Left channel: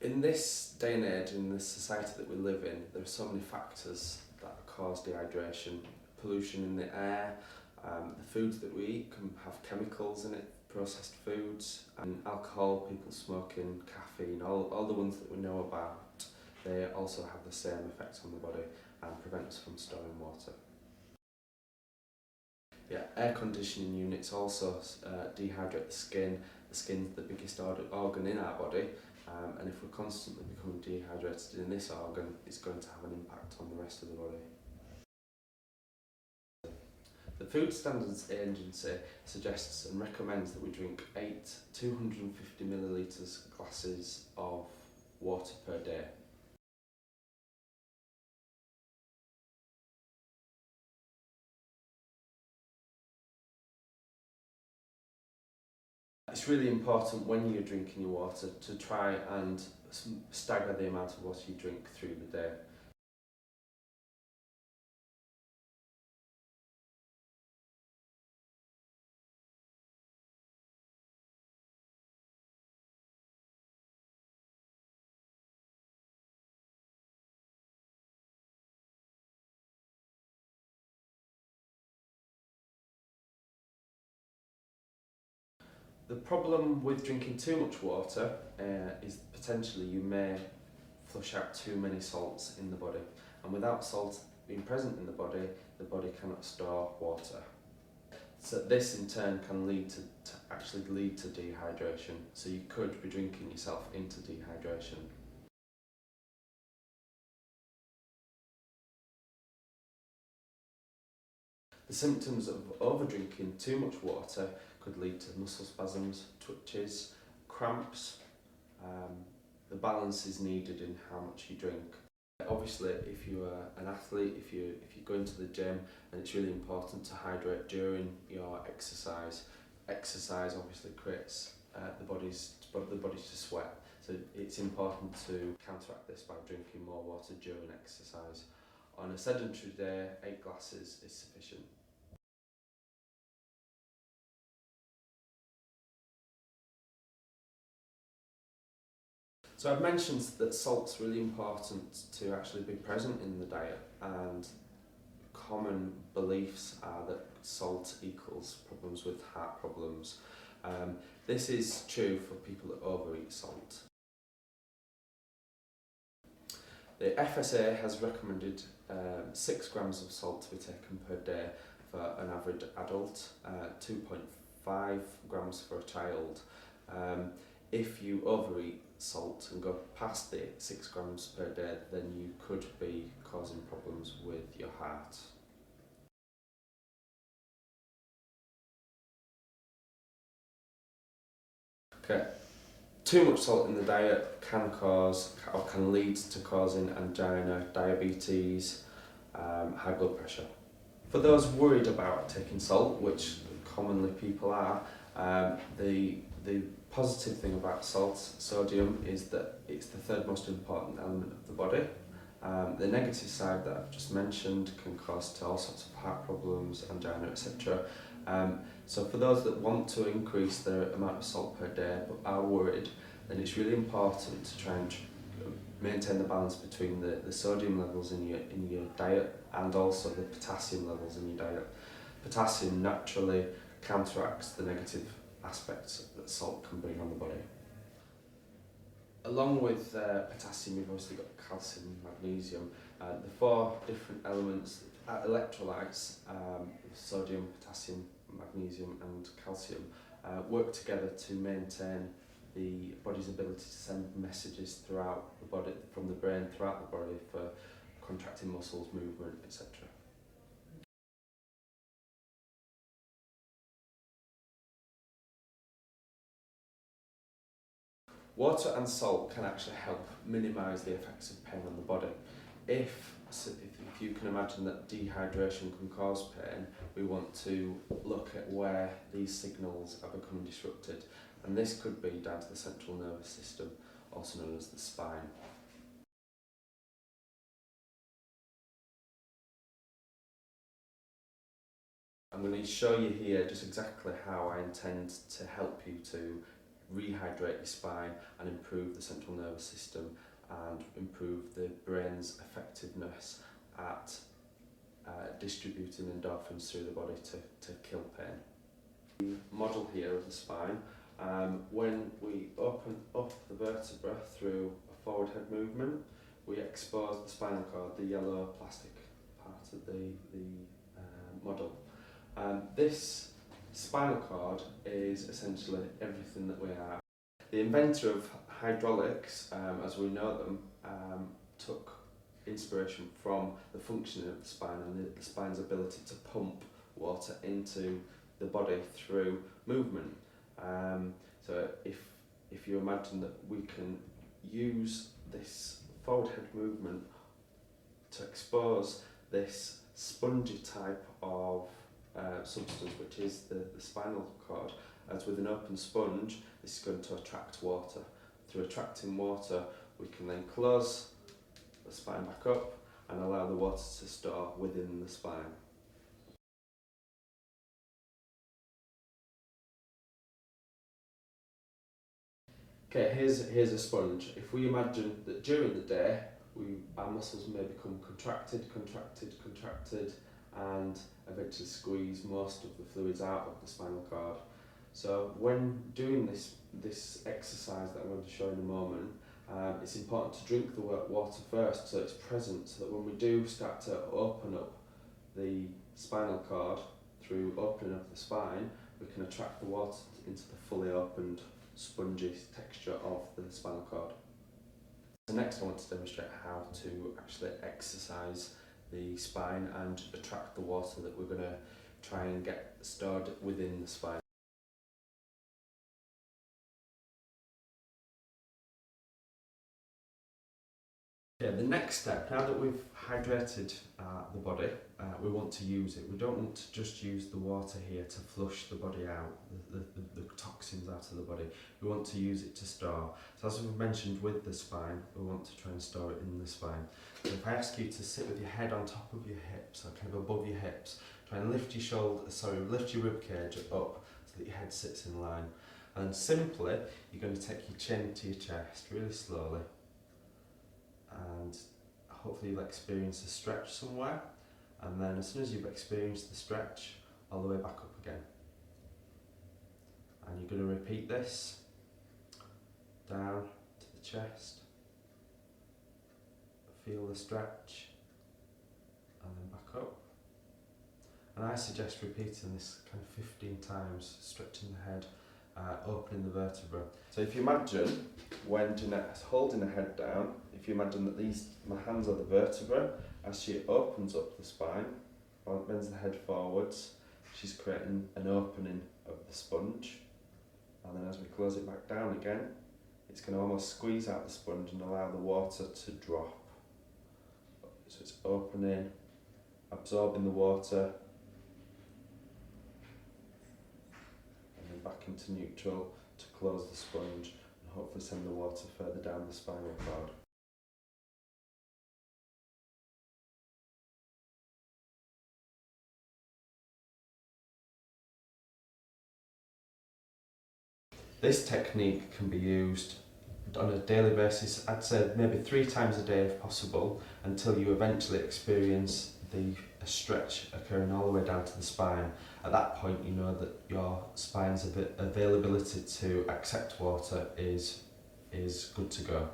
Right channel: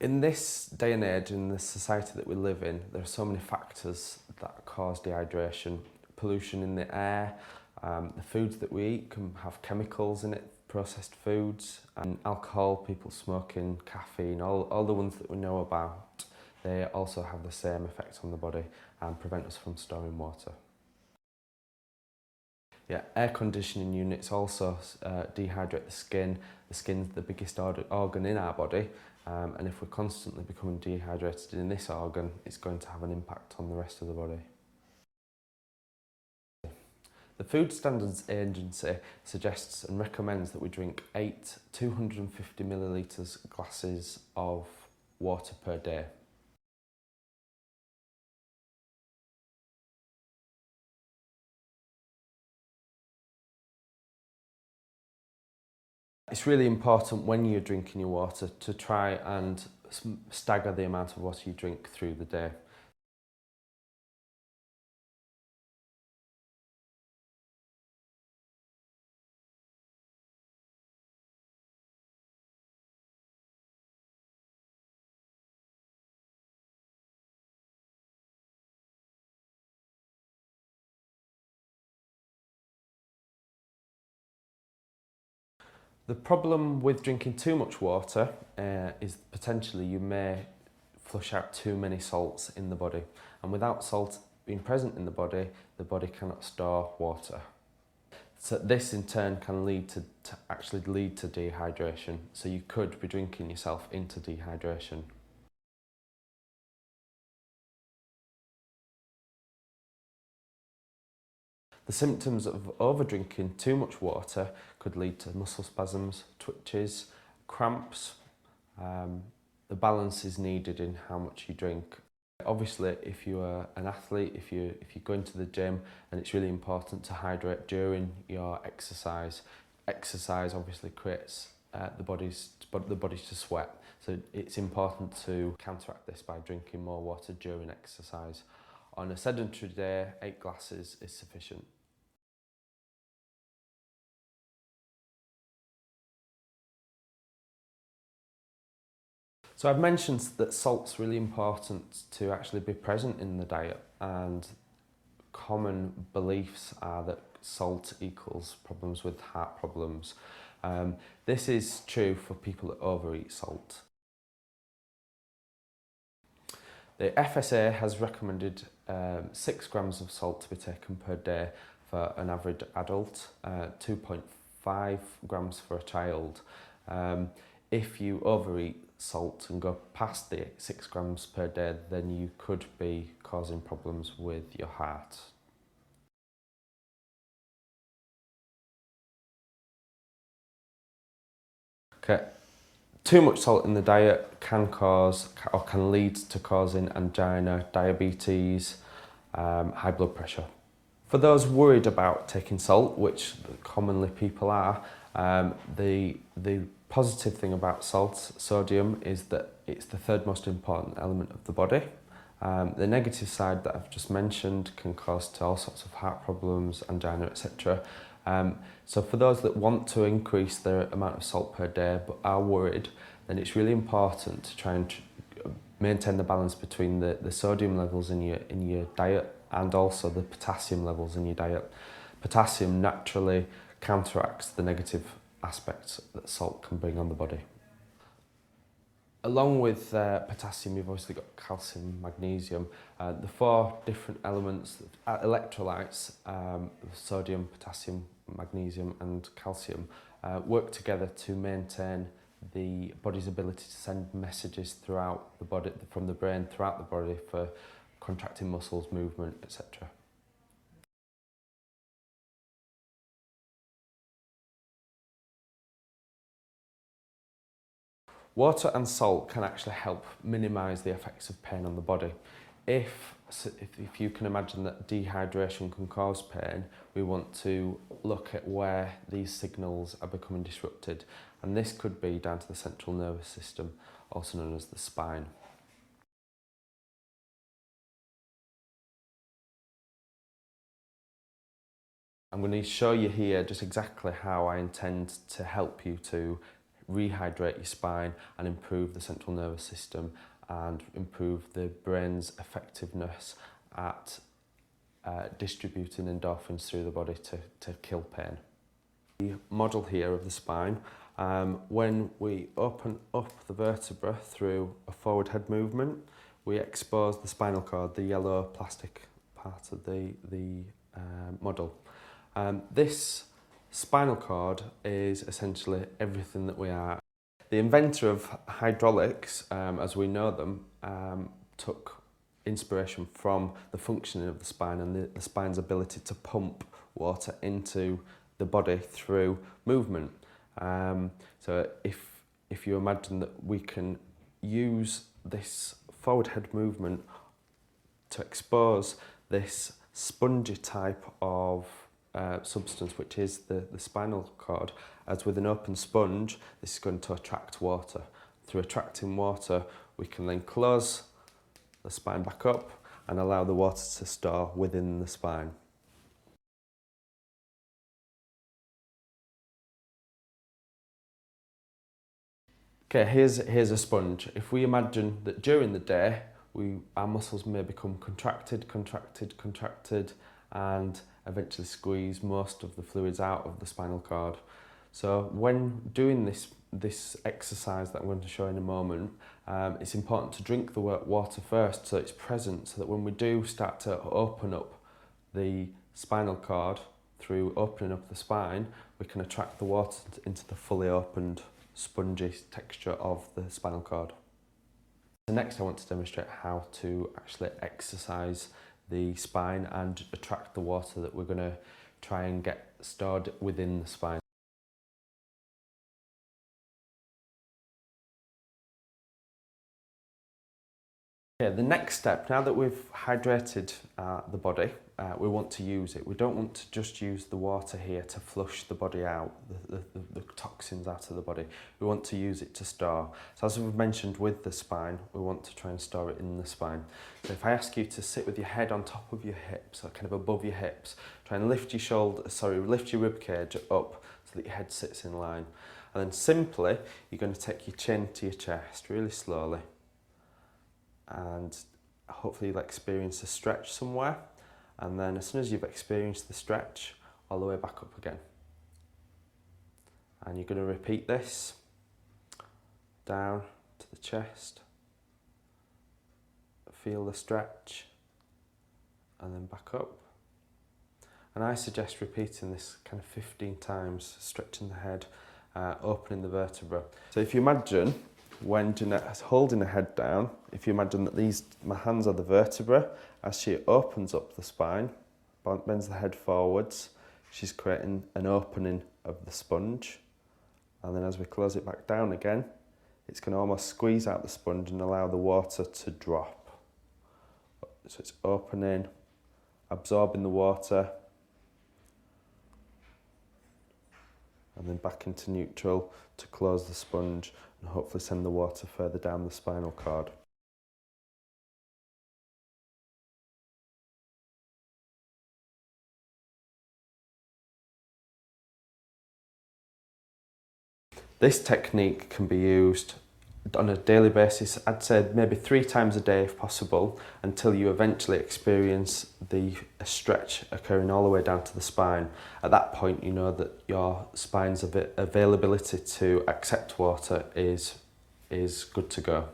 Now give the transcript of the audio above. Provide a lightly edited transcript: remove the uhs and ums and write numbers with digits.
In this day and age, in the society that we live in, there are so many factors that cause dehydration. Pollution in the air, the foods that we eat can have chemicals in it, processed foods, and alcohol, people smoking, caffeine, all the ones that we know about, they also have the same effect on the body and prevent us from storing water. Yeah, air conditioning units also dehydrate the skin. The skin's the biggest organ in our body, and if we're constantly becoming dehydrated in this organ, it's going to have an impact on the rest of the body. The Food Standards Agency suggests and recommends that we drink 8 250 millilitres glasses of water per day. It's really important when you're drinking your water to try and stagger the amount of water you drink through the day. The problem with drinking too much water is potentially you may flush out too many salts in the body, and without salt being present in the body cannot store water. So this in turn can lead to actually lead to dehydration, so you could be drinking yourself into dehydration. The symptoms of over-drinking too much water could lead to muscle spasms, twitches, cramps. The balance is needed in how much you drink. Obviously, if you're an athlete, if you're going to the gym, then it's really important to hydrate during your exercise. Exercise obviously creates the body's to sweat, so it's important to counteract this by drinking more water during exercise. On a sedentary day, 8 glasses is sufficient. So I've mentioned that salt's really important to actually be present in the diet, and common beliefs are that salt equals problems with heart problems. This is true for people that overeat salt. The FSA has recommended 6 grams of salt to be taken per day for an average adult, 2.5 grams for a child. If you overeat salt and go past the 6 grams per day, then you could be causing problems with your heart. Okay. Too much salt in the diet can cause or can lead to causing angina, diabetes, high blood pressure. For those worried about taking salt, which commonly people are, the positive thing about salt, sodium, is that it's the third most important element of the body. The negative side that I've just mentioned can cause to all sorts of heart problems, angina, etc. So for those that want to increase their amount of salt per day but are worried, then it's really important to try and maintain the balance between the sodium levels in your diet and also the potassium levels in your diet. Potassium naturally counteracts the negative aspects that salt can bring on the body. Along with potassium, you've obviously got calcium, magnesium. The 4 different elements, electrolytes, sodium, potassium, magnesium and calcium, work together to maintain the body's ability to send messages throughout the body, from the brain throughout the body, for contracting muscles, movement, etc. Water and salt can actually help minimise the effects of pain on the body. If you can imagine that dehydration can cause pain, we want to look at where these signals are becoming disrupted, and this could be down to the central nervous system, also known as the spine. I'm going to show you here just exactly how I intend to help you to rehydrate your spine and improve the central nervous system and improve the brain's effectiveness at distributing endorphins through the body to kill pain. The model here of the spine, when we open up the vertebra through a forward head movement, we expose the spinal cord, the yellow plastic part of the model. This spinal cord is essentially everything that we are. The inventor of hydraulics, as we know them, took inspiration from the functioning of the spine and the spine's ability to pump water into the body through movement. So if you imagine that we can use this forward head movement to expose this spongy type of substance, which is the spinal cord, as with an open sponge, this is going to attract water. Through attracting water, we can then close the spine back up and allow the water to store within the spine. Okay, here's a sponge. If we imagine that during the day, our muscles may become contracted, and eventually squeeze most of the fluids out of the spinal cord. So when doing this exercise that I'm going to show in a moment, it's important to drink the water first so it's present, so that when we do start to open up the spinal cord through opening up the spine, we can attract the water into the fully opened spongy texture of the spinal cord. So next I want to demonstrate how to actually exercise the spine and attract the water that we're going to try and get stored within the spine. Okay, the next step, now that we've hydrated the body, we want to use it. We don't want to just use the water here to flush the body out, the toxins out of the body. We want to use it to store. So as we've mentioned with the spine, we want to try and store it in the spine. So if I ask you to sit with your head on top of your hips, or kind of above your hips, try and lift your rib cage up so that your head sits in line. And then simply, you're going to take your chin to your chest really slowly. And hopefully you'll experience a stretch somewhere, and then as soon as you've experienced the stretch, all the way back up again. And you're going to repeat this down to the chest, feel the stretch, and then back up. And I suggest repeating this kind of 15 times, stretching the head, opening the vertebra. So if you imagine when Jeanette's holding her head down, if you imagine that my hands are the vertebra, as she opens up the spine, bends the head forwards, she's creating an opening of the sponge. And then as we close it back down again, it's going to almost squeeze out the sponge and allow the water to drop. So it's opening, absorbing the water, and then back into neutral to close the sponge and hopefully send the water further down the spinal cord. This technique can be used on a daily basis, I'd say maybe 3 times a day if possible, until you eventually experience a stretch occurring all the way down to the spine. At that point, you know that your spine's availability to accept water is good to go.